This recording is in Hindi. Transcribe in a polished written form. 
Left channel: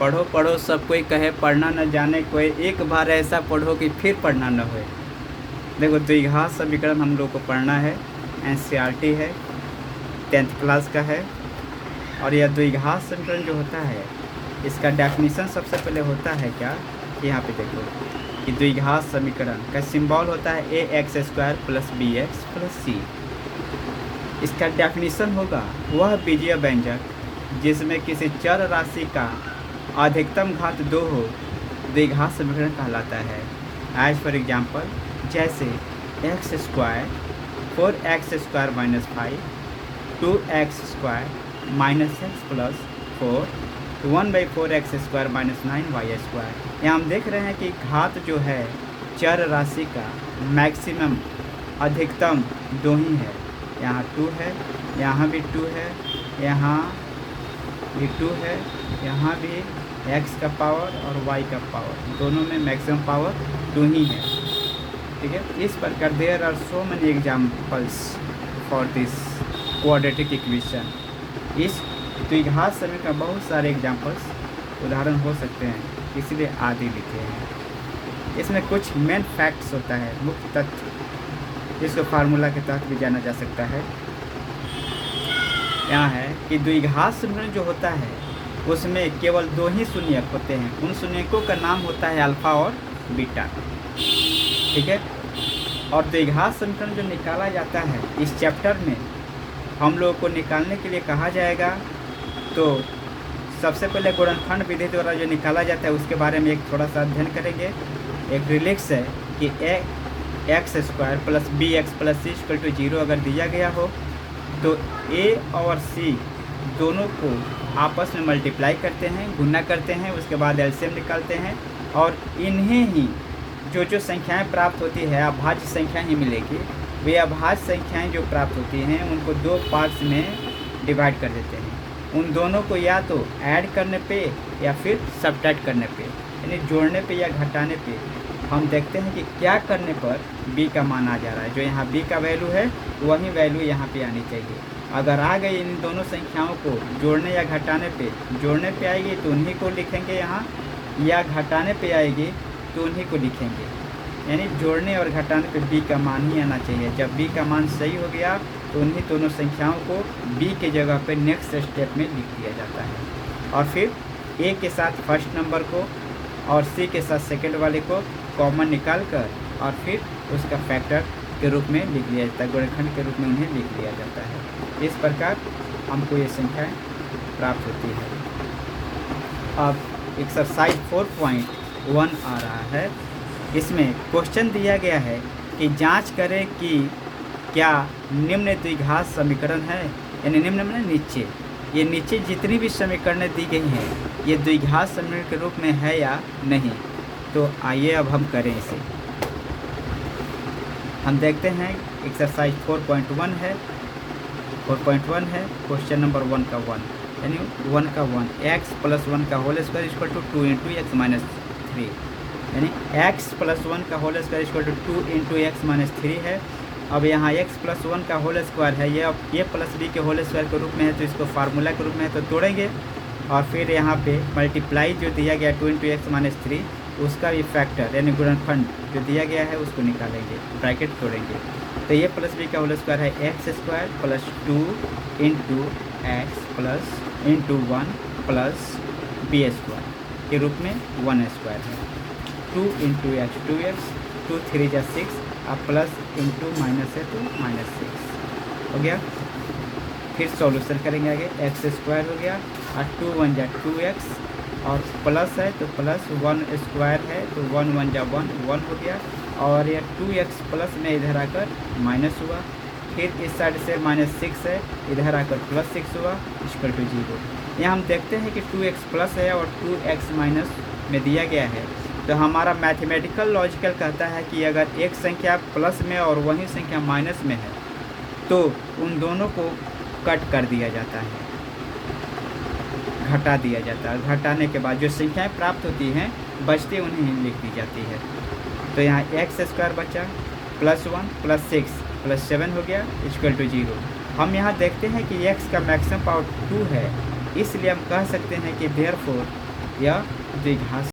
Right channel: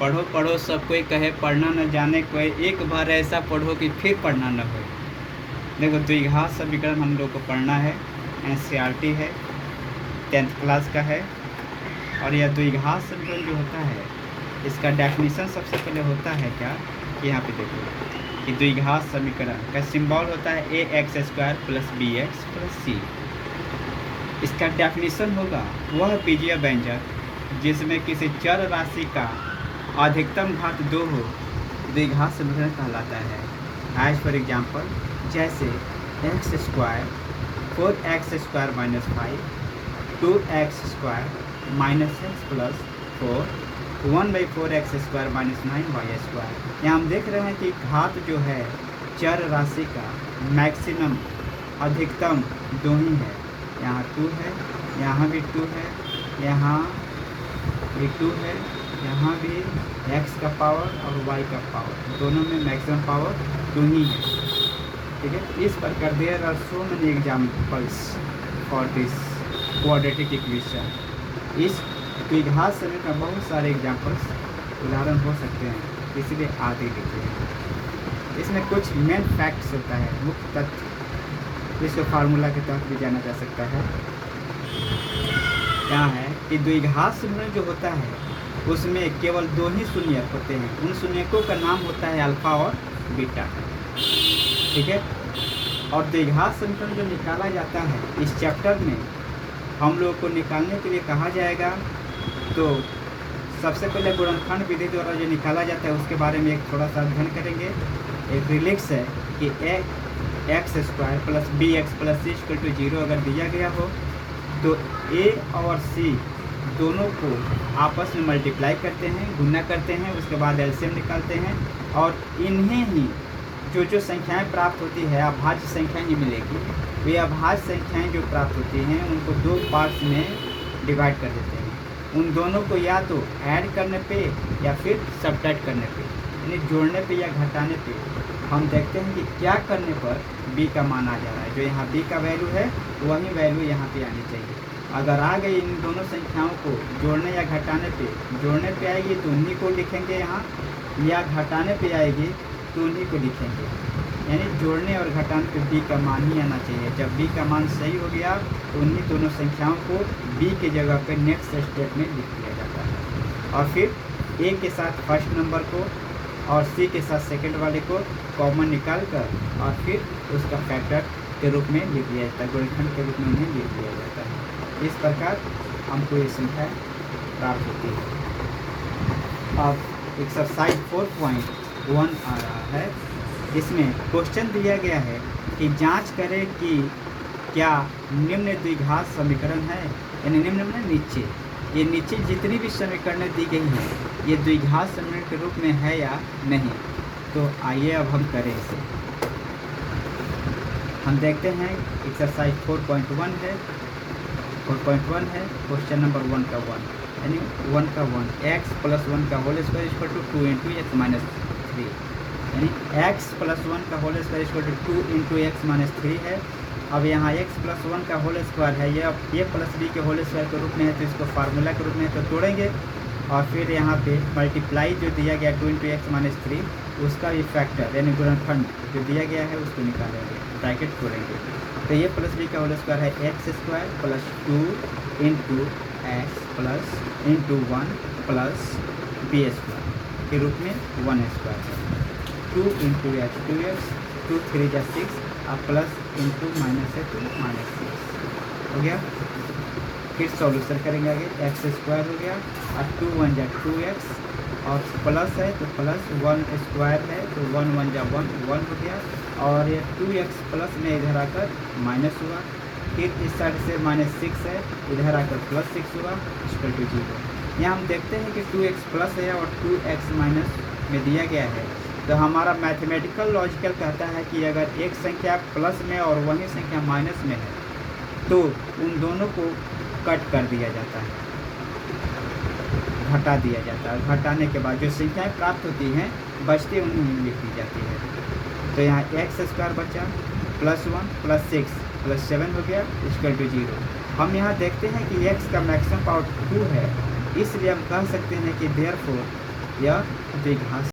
पढ़ो पढ़ो सब कोई कहे, पढ़ना न जाने कोई, एक बार ऐसा पढ़ो कि फिर पढ़ना न हो। देखो द्विघात समीकरण हम लोग को पढ़ना है, एनसीईआरटी है, 10th क्लास का है। और यह द्विघात समीकरण जो होता है इसका डेफिनेशन सबसे पहले होता है क्या कि यहाँ पे देखो कि द्विघात समीकरण का सिंबल होता है ax² + bx + c। इसका डेफिनेशन होगा वह बीजीय व्यंजक जिसमें किसी चर राशि का अधिकतम घात 2 हो, द्विघात समीकरण कहलाता है। एज फॉर एग्जाम्पल, जैसे x² 4x² - 5 2x² - x + 4 1/4x² - 9y²। यहाँ हम देख रहे हैं कि घात जो है चर राशि का मैक्सिमम अधिकतम 2 ही है। यहाँ 2 है, यहाँ भी 2 है, यहाँ भी 2 है, यहाँ भी x का पावर और y का पावर, दोनों में मैक्सिमम पावर 2 ही है। ठीक है, इस प्रकार there are so many examples for this quadratic equation. इस द्विघात समीकरण का बहुत सारे एग्जाम्पल्स उदाहरण हो सकते हैं, इसलिए आगे लिखे हैं। इसमें कुछ मेन फैक्ट्स होता है, मुख्य तथ्य, इसको फार्मूला के तहत भी जाना जा सकता है। यहाँ है कि द्विघात समीकरण जो होता है उसमें केवल 2 ही शून्यक होते हैं। उन शून्यकों का नाम होता है अल्फा और बीटा। ठीक है, और द्विघात समीकरण जो निकाला जाता है इस चैप्टर में हम लोग को निकालने के लिए कहा जाएगा, तो सबसे पहले गुणनखंड विधि द्वारा जो निकाला जाता है उसके बारे में एक थोड़ा सा अध्ययन करेंगे। एक रिलेक्स है कि x² + bx + c = 0 अगर दिया गया हो तो a और c दोनों को आपस में मल्टीप्लाई करते हैं, गुणा करते हैं, उसके बाद एलसीएम निकालते हैं और इन्हें ही जो संख्याएं प्राप्त होती है अभाज्य संख्या ही मिलेगी। वे अभाज्य संख्याएं जो प्राप्त होती हैं उनको 2 पार्ट्स में डिवाइड कर देते हैं। उन दोनों को या तो ऐड करने पे या फिर सब्ट्रैक्ट करने पे, यानी जोड़ने पे या घटाने पे हम देखते हैं कि क्या करने पर b का मान आ जा रहा है। जो यहाँ b का वैल्यू है वही वैल्यू यहाँ पे आनी चाहिए। अगर आ गई इन दोनों संख्याओं को जोड़ने या घटाने पे, जोड़ने पे आएगी तो उन्हीं को लिखेंगे यहाँ, या घटाने पे आएगी तो उन्हीं को लिखेंगे। यानी जोड़ने और घटाने पे b का मान ही आना चाहिए। जब b का मान सही हो गया तो उन्हीं दोनों संख्याओं को b के जगह पे नेक्स्ट स्टेप में लिख दिया जाता है और फिर a के साथ फर्स्ट नंबर को और c के साथ सेकंड वाले को कॉमन निकाल कर और फिर उसका फैक्टर के रूप में लिख लिया जाता है, गुणनखंड के रूप में इन्हें लिख लिया जाता है। इस प्रकार हमको ये संख्या प्राप्त होती है। अब एक्सरसाइज 4.1 आ रहा है। इसमें क्वेश्चन दिया गया है कि जांच करें कि क्या निम्न द्विघात समीकरण है, यानी निम्न में नीचे, ये नीचे जितनी भी समीकरणें दी गई हैं ये द्विघात समीकरण के रूप में है या नहीं। तो आइए अब हम करें इसे। हम देखते हैं एक्सरसाइज 4.1 है, 4.1 है, क्वेश्चन नंबर 1 का 1, यानी 1 का 1, x + 1 का होल स्क्वायर = 2 × x - 3, यानी x + 1 का होल स्क्वायर = 2 × x - 3 है। अब यहाँ x + 1 का होल स्क्वायर है, ये अब a + b के होल स्क्वायर के रूप में है तो इसको फार्मूला के रूप में है तो तोड़ेंगे और फिर यहाँ पे मल्टीप्लाई जो दिया गया 2 × x - 3 उसका भी फैक्टर यानी गुणनखंड जो दिया गया है उसको निकालेंगे, ब्रैकेट तोड़ेंगे। तो ये + b का होल स्क्वायर है x² + 2 × x + 1 + b² के रूप में 1² है। 2 × h 2x, 2 3 × 6 और प्लस इंटू माइनस है तो -6 हो गया। फिर सॉल्यूशन करेंगे आगे, x² हो गया और 2 × 1 = 2x और प्लस है तो प्लस 1² है तो 1 × 1 = 1 हो गया और ये 2x प्लस में इधर आकर माइनस हुआ। फिर इस साइड से -6 है, इधर आकर +6 हुआ = 0। यहाँ हम देखते हैं कि 2x प्लस है और 2x माइनस में दिया गया है तो हमारा मैथमेटिकल लॉजिकल कहता है कि अगर एक संख्या प्लस में और वही संख्या माइनस में है तो उन दोनों को कट कर दिया जाता है, घटा दिया जाता है। घटाने के बाद जो संख्याएं प्राप्त होती हैं बचती उन्हें लिख दी जाती है। तो यहाँ x² बचा +1 + 6 + 7 हो गया = 0। हम यहाँ देखते हैं कि x का मैक्सिमम पावर 2 है, इसलिए हम कह सकते हैं कि देयरफॉर यह द्विघात